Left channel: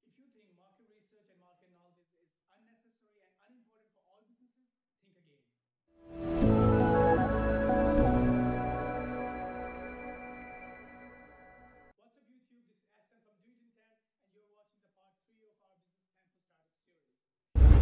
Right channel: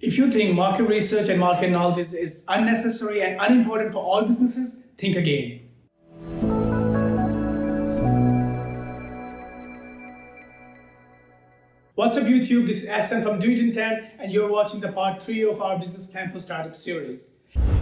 If you think market research and market analysis is unnecessary and unimportant for all businesses, think again. What's up YouTube, this is Ahsan from Do It in 10 and you're watching the part 3 of our Business Plan for Startup series.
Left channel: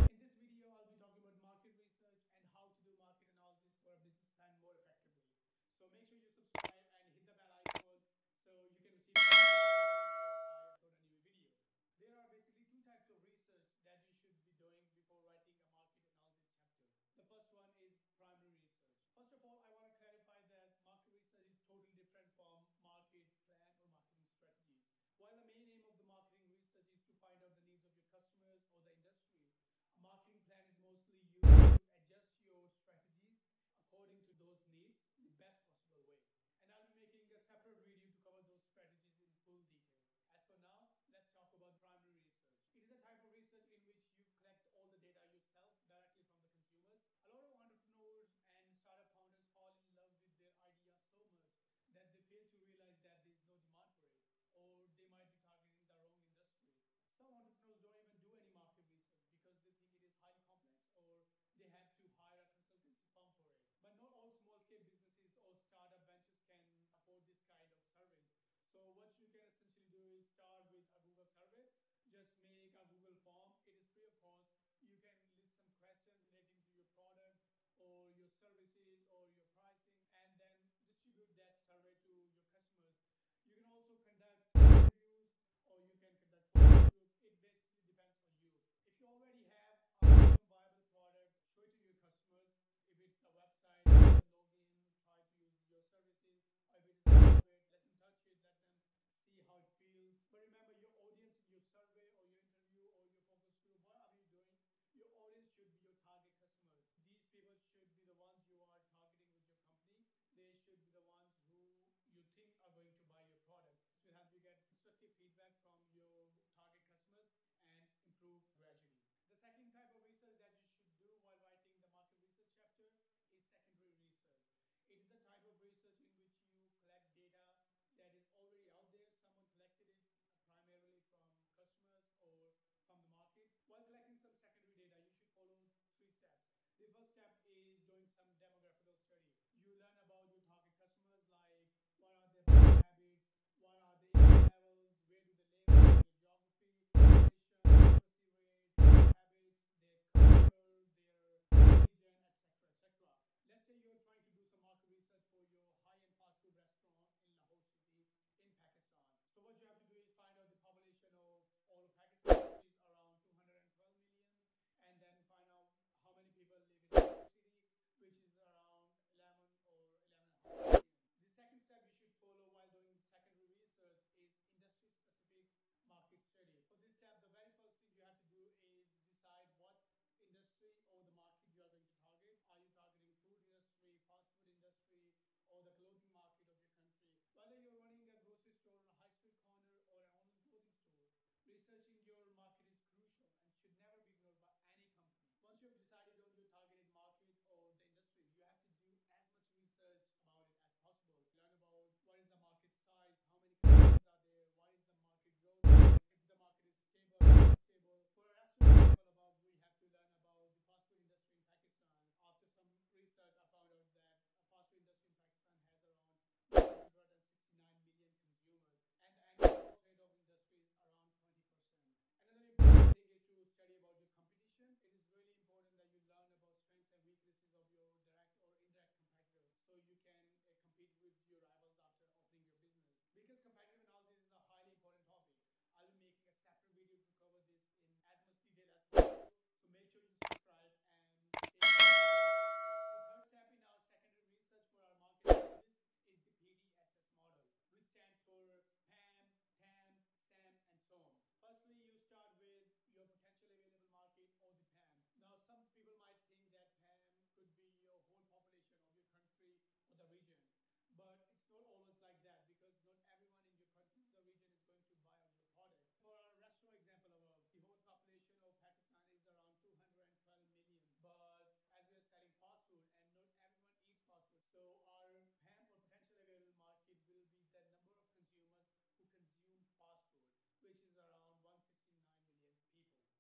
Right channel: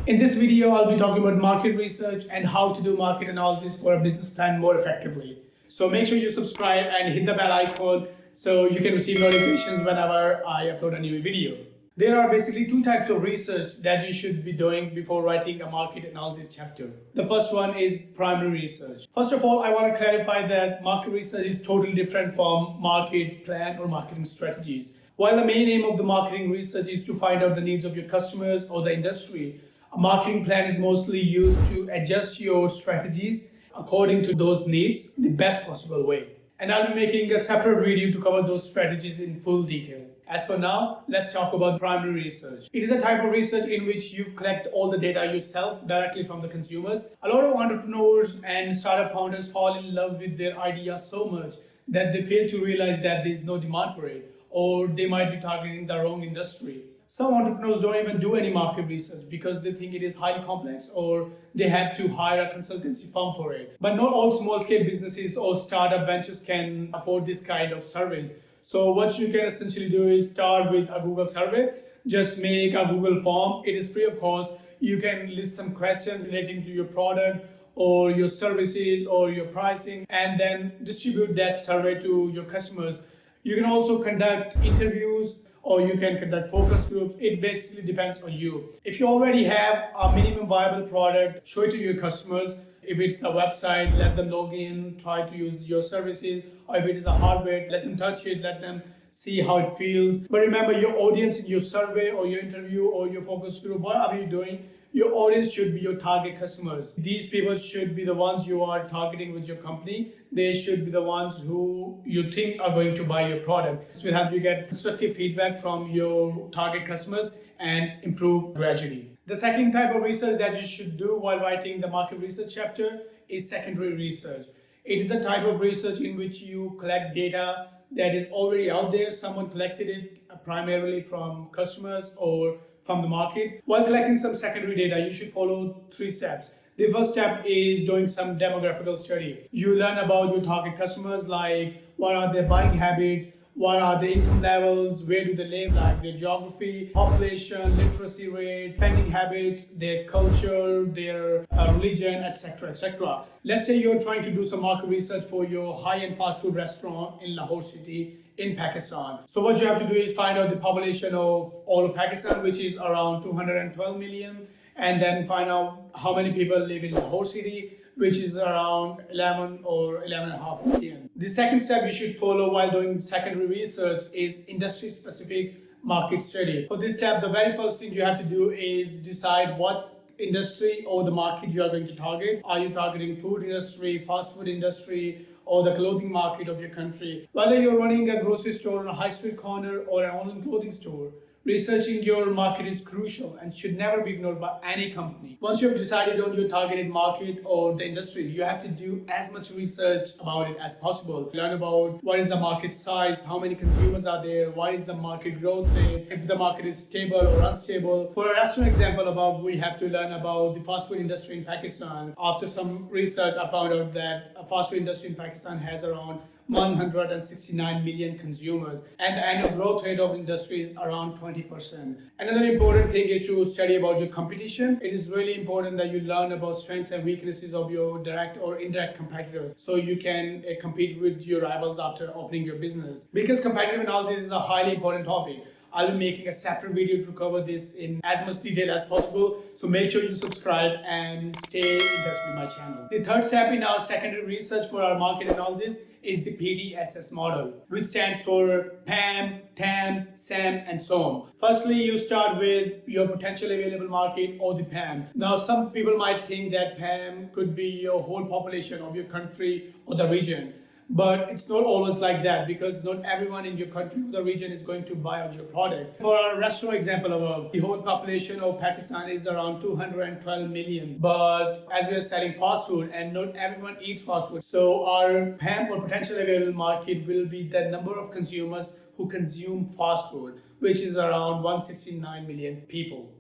In this video, I'll be talking about market research and how to do market analysis for a business plan more effectively. So make sure you subscribe and hit the bell icon so you can receive notifications whenever I upload a new video. There are basically two types of research that you should be doing before writing a market analysis chapter. The first one is primary research. First of all, I want to clarify that market research is totally different from market plan or marketing strategies. While the main aim of the marketing research is to find out the needs of your customers or the industry, a marketing plan is mostly used to adjust your strategies according to those needs in the best possible way. And I'll be making a separate video to cover those strategies in full detail. As for now, let's talk about primary research. It is a type of research in which you collect all the data yourself directly from the consumers. A lot of entrepreneurs and startup founders fall in love with their idea so much that they fail to realize that there is no demand for it, or they might be targeting the wrong industry. Some entrepreneurs don't even do any market research because they think it is highly complex or they have to hire a consultancy firm for it. But not all small-scale businesses or startup ventures can afford this kind of service. So what you can essentially do is start with a Google survey. Just make a Google form. It is free of cost. You can list some questions relating to your product or your services or your pricing and then distribute that survey to your customers. You can also conduct interviews or you can conduct focus groups. It basically depends on you. If you already have a minimum viable product, show it to your customers. If it's a website, let them log in, try to use your services. Or if it is a hardware, let them touch it, let them see how it feels. But remember, your audience in your survey or your interview or your focus group, whatever you're doing, your audience should be your target customers. These people should be the ones you are targeting with your company. They should be the ones who you think are going to buy your product. This will help you get constructive feedback from your target customers and improve gradually. The second type of research that you should do while writing the market research chapter is secondary research. It is a type of research in which you collect data that is already out there. Someone collected it primarily from customers or from the market. While collecting some secondary data, you should follow 3 steps. The first step is doing some demographical study. You learn about your target customers, like what are their buying habits, what are the income levels, where do they live, like their geography, population, literacy rate, spending habits, their culture, their religion, etc., etc. Let's say you're trying to do some market research for your high-end fast food restaurant in Lahore city in Pakistan. So what you have to do is find out the population of all of Pakistan, which is around 212 million, and then find out how many people live in Lahore city, which is around 11 or 11.5 million. The second step you should follow while doing secondary research is industry-specific market study. For this step, the very first thing you have to do is decide what industry or the market you are going to target. Are you targeting food industry, fast food industry, or the clothing market of your country? Whether you're running a grocery store on a high street corner or an online clothing store, researching your market is crucial and should never be ignored by any company. Once you've decided on your targeted market or the industry, you have to do as much research about it as possible. Learn about what is the market size, how many consumers are there, what is the market growth rate, if the market is stable or unstable. For a restaurant example above, we have to learn about the fast food industry in Pakistan. After some research, I found out that a fast food industry in Pakistan has around 169 million consumers and the annual growth rate of the industry is around 20%. Another important thing is to study about your competition. It is really important that you learn about strengths and weaknesses of your direct or indirect competitors so you can compete with your rivals after opening your business. Because competitive analysis is a highly important topic, I'll be making a separate video to cover this in as much detail as possible. So make sure you subscribe and stay in touch with my channel. The third step in our secondary research for our market analysis is the PDSS model, which stands for PAM, TAM, SAM, and so on. Firstly, you start with your potential available market or the PAM. Now, some people might think that PAM could be your whole population of your country or the region. But it's not always like that because not everyone in your country or the region is going to buy out your product. For our restaurant example above, the whole population of Pakistan is around 212 million. But as we are selling fast food and not everyone eats fast food, so our PAM or potential available market will be the number of consumers who consume fast food. which is around 169 million people.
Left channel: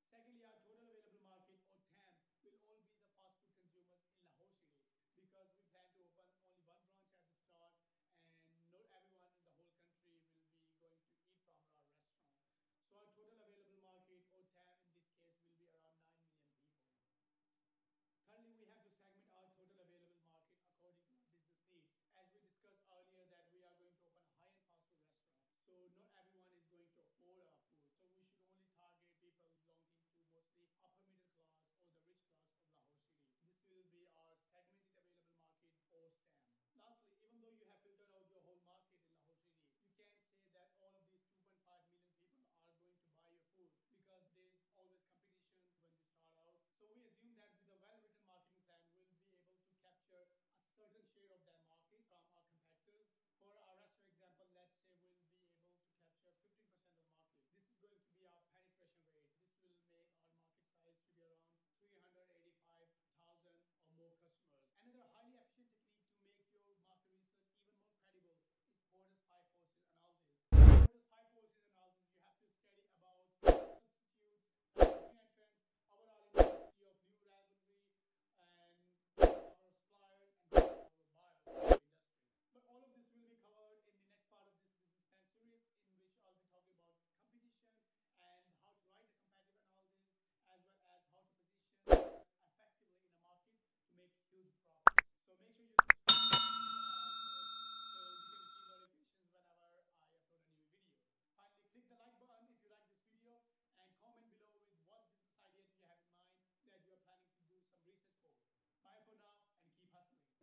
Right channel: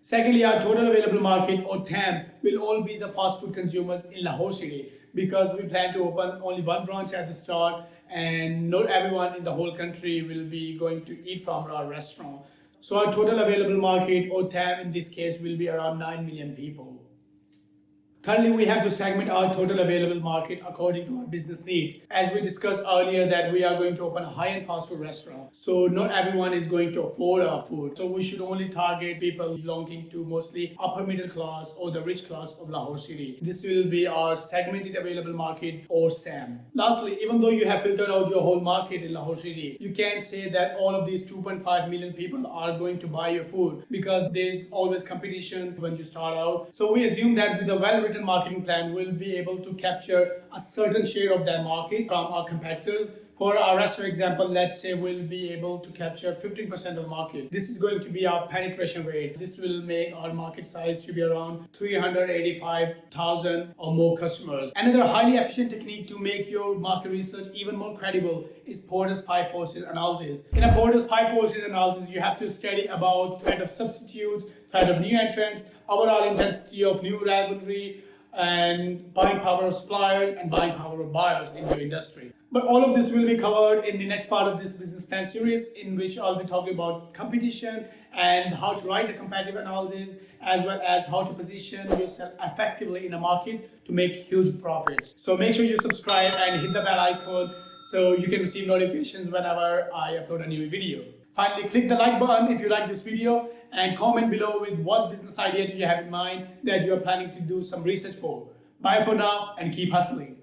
Secondly, our total available market or TAM will all be the fast food consumers in Lahore city, because we plan to open only one branch at the start and not everyone in the whole country will be going to eat from our restaurant. So our total available market or TAM in this case will be around 9 million people. Thirdly, we have to segment our total available market according to our business needs. As we discussed earlier that we are going to open a high-end fast food restaurant. So not everyone is going to afford our food. So we should only target people belonging to mostly upper middle class or the rich class of Lahore city. This will be our segmented available market or SAM. Lastly, even though you have filtered out your whole market in Lahore city, you can't say that all of these 2.5 million people are going to buy your food, because there's always competition when you start out. So we assume that with a well-written marketing plan, we'll be able to capture a certain share of that market from our competitors. For our restaurant example, let's say we'll be able to capture 15% of the market. This is going to be our penetration rate. This will make our market size to be around 385,000 or more customers. Another highly efficient technique to make your market research even more credible is Porter's 5 forces analysis. In a Porter's 5 forces analysis, you have to study about threat of substitutes, threat of new entrants, overall intensity of new rivalry, and buying power of suppliers and buying power of buyers in your industry. But all of this will be covered in the next part of this business plan series, in which I'll be talking about competition and how to write a competitive analysis, as well as how to position yourself effectively in a market to make huge profits. So make sure you subscribe and hit the bell icon so you can receive notifications whenever I upload a new video. Finally, click the like button if you like this video, and comment below with what business idea do you have in mind that you are planning to do some research for. Bye for now and keep hustling.